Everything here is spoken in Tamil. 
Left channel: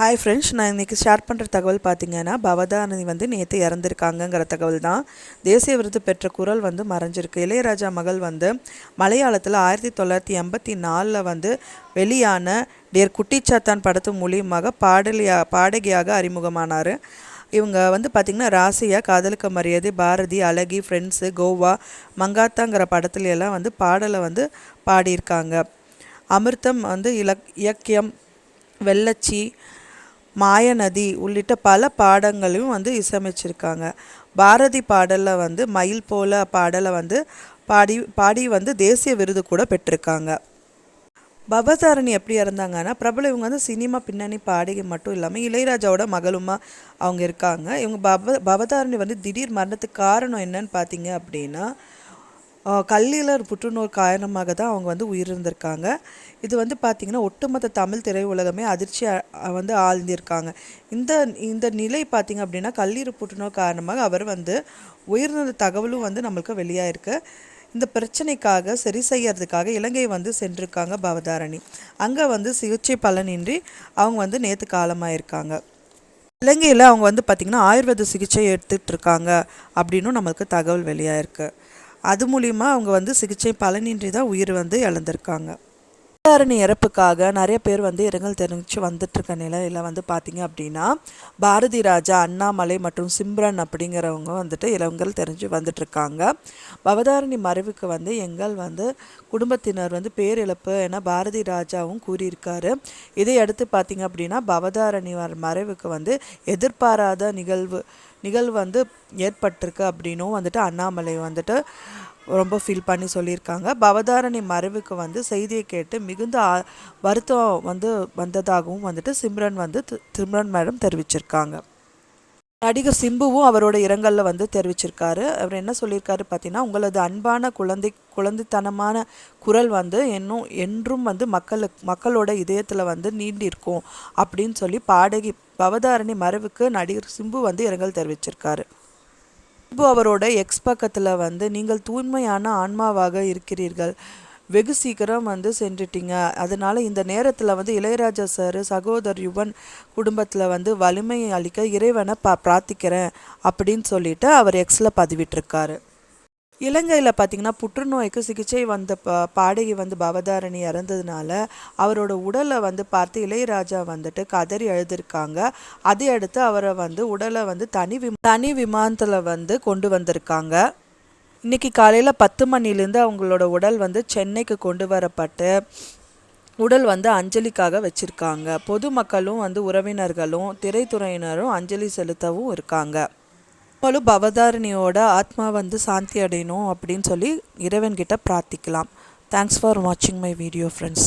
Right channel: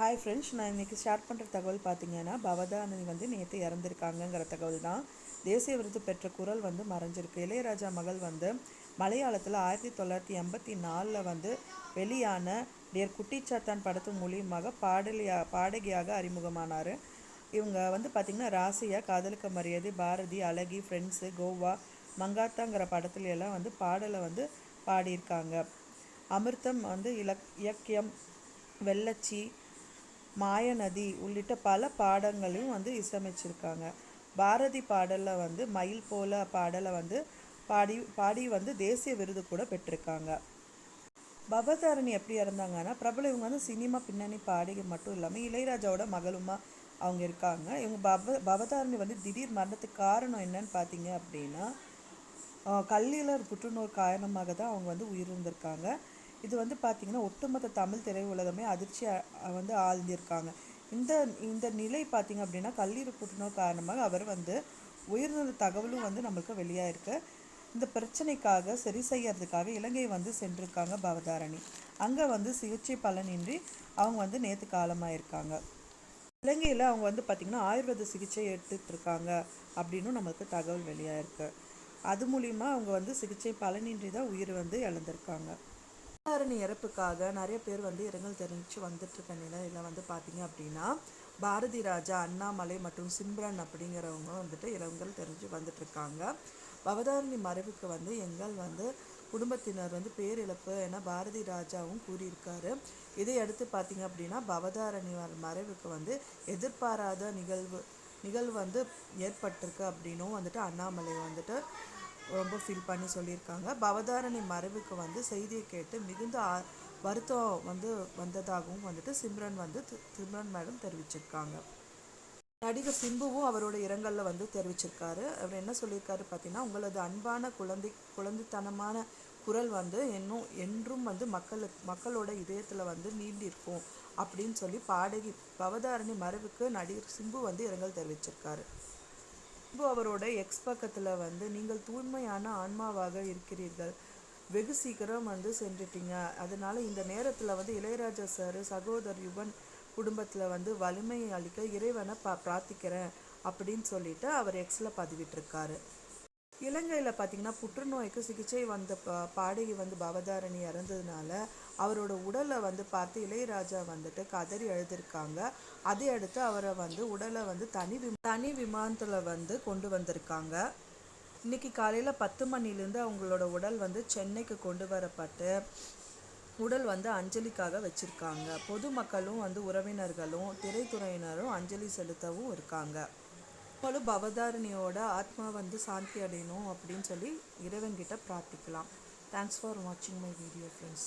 ஹாய் ஃப்ரெண்ட்ஸ், நான் இன்றைக்கி ஷேர் பண்ணுற தகவல் பார்த்திங்கன்னா, பவதாரணி வந்து நேற்று இறந்துருக்காங்கங்கிற தகவல் தான். தேசிய விருது பெற்ற குரல் வந்து மறைஞ்சிருக்கு. இளையராஜா மகள் வந்து மலையாளத்தில் 1984 வந்து வெளியான டியர் குட்டிச்சாத்தான் படத்து மூலியமாக பாடகியாக அறிமுகமானார். இவங்க வந்து பார்த்திங்கன்னா ராசியா, காதலுக்கு மரியாதை, பாரதி, அழகி, ஃப்ரெண்ட்ஸு, கோவா, மங்காத்தாங்கிற படத்துலையெல்லாம் வந்து பாடலை வந்து பாடியிருக்காங்க. அமிர்தம் வந்து இலக்கியம், வெள்ளச்சி, மாயநதி உள்ளிட்ட பல பாடங்களையும் வந்து இசையமைச்சிருக்காங்க. பாரதி பாடலில் வந்து மயில் போல பாடலை வந்து பாடி வந்து தேசிய விருது கூட பெற்றிருக்காங்க. பவதாரணி எப்படி இறந்தாங்கன்னா, பிரபல இவங்க வந்து சினிமா பின்னணி பாடகி மட்டும் இல்லாமல் இளையராஜாவோட மகளுமா அவங்க இருக்காங்க. இவங்க பவதாரணி வந்து திடீர் மரணத்துக்கு காரணம் என்னன்னு பார்த்தீங்க அப்படின்னா, கல்லீரல் புற்றுநோய் காரணமாக தான் அவங்க வந்து உயிரிழந்திருக்காங்க. இது வந்து பார்த்திங்கன்னா ஒட்டுமொத்த தமிழ் திரையுலகமே அதிர்ச்சி வந்து ஆழ்ந்திருக்காங்க. இந்த இந்த நிலை பார்த்திங்க அப்படின்னா, கல்லீரல் புற்றுநோய் காரணமாக அவர் வந்து உயிரிழந்த தகவலும் வந்து நம்மளுக்கு வெளியாயிருக்கு. இந்த பிரச்சனைக்காக சரி செய்யறதுக்காக இலங்கை வந்து சென்றிருக்காங்க பவதாரணி. அங்கே வந்து சிகிச்சை பலனின்றி அவங்க வந்து நேற்று காலமாயிருக்காங்க. இலங்கையில் அவங்க வந்து பார்த்திங்கன்னா ஆயுர்வேத சிகிச்சை எடுத்துகிட்டு இருக்காங்க அப்படின்னும் நம்மளுக்கு தகவல் வெளியாயிருக்கு. அது மூலிமா அவங்க வந்து சிகிச்சை பலனின்றி தான் உயிர் வந்து இழந்திருக்காங்க. பவதாரணி இறப்புக்காக நிறைய பேர் வந்து இரங்கல் தெரிவித்து வந்துட்டுருக்க நிலையில் வந்து பார்த்திங்க அப்படின்னா, பாரதி ராஜா, அண்ணாமலை மற்றும் சிம்ரன் அப்படிங்கிறவங்க வந்துட்டு இரங்கல் தெரிஞ்சு வந்துட்டுருக்காங்க. பவதாரணி மறைவுக்கு வந்து எங்கள் வந்து குடும்பத்தினர் வந்து பேரிழப்பு என பாரதி ராஜாவும் கூறியிருக்காரு. இதை அடுத்து பார்த்திங்க அப்படின்னா, பவதாரணி மறைவுக்கு வந்து எதிர்பாராத நிகழ்வு வந்து ஏற்பட்டிருக்கு அப்படின்னும் வந்துட்டு அண்ணாமலை வந்துட்டு ரொம்ப ஃபீல் பண்ணி சொல்லியிருக்காங்க. பவதாரணி மறைவுக்கு வந்து செய்தியை கேட்டு மிகுந்த வருத்தம் வந்து வந்ததாகவும் வந்துட்டு சிம்ரன் மேடம் தெரிவிச்சிருக்காங்க. நடிகர் சிம்புவும் அவரோட இரங்கலில் வந்து தெரிவிச்சிருக்காரு. அவர் என்ன சொல்லியிருக்காரு பார்த்தீங்கன்னா, உங்களது அன்பான குழந்தைத்தனமான குரல் வந்து என்றும் வந்து மக்களோட இதயத்தில் வந்து நீண்டிருக்கும் அப்படின்னு சொல்லி பாடகி பவதாரணி மறைவுக்கு நடிகர் சிம்பு வந்து இரங்கல் தெரிவிச்சிருக்காரு. சிம்பு அவரோட எக்ஸ் பக்கத்தில் வந்து, நீங்கள் தூய்மையான ஆன்மாவாக இருக்கிறீர்கள், வெகு சீக்கிரம் வந்து சென்றுட்டீங்க, அதனால் இந்த நேரத்தில் வந்து இளையராஜா சார், சகோதரர் யுவன் குடும்பத்தில் வந்து வலிமையை அளிக்க இறைவனை பிரார்த்திக்கிறேன் அப்படின்னு சொல்லிட்டு அவர் எக்ஸில் பதிவிட்டிருக்காரு. இலங்கையில் பார்த்திங்கன்னா புற்றுநோய்க்கு சிகிச்சை வந்த பாடகி வந்து பவதாரணி இறந்ததுனால அவரோட உடலை வந்து பார்த்து இளையராஜா வந்துட்டு கதறி எழுதியிருக்காங்க. அதை அடுத்து அவரை வந்து உடலை வந்து தனி விமானத்தில் வந்து கொண்டு வந்திருக்காங்க. இன்றைக்கி காலையில் 10 மணிலேருந்து அவங்களோட உடல் வந்து சென்னைக்கு கொண்டு வரப்பட்டு உடல் வந்து அஞ்சலிக்காக வச்சுருக்காங்க. பொதுமக்களும் வந்து உறவினர்களும் திரைத்துறையினரும் அஞ்சலி செலுத்தவும் இருக்காங்க. பவதாரணியோட ஆத்மா வந்து சாந்தி அடையணும் அப்படின்னு சொல்லி இறைவன்கிட்ட பிரார்த்திக்கலாம். தேங்க்ஸ் ஃபார் வாட்சிங் மை வீடியோ ஃப்ரெண்ட்ஸ்.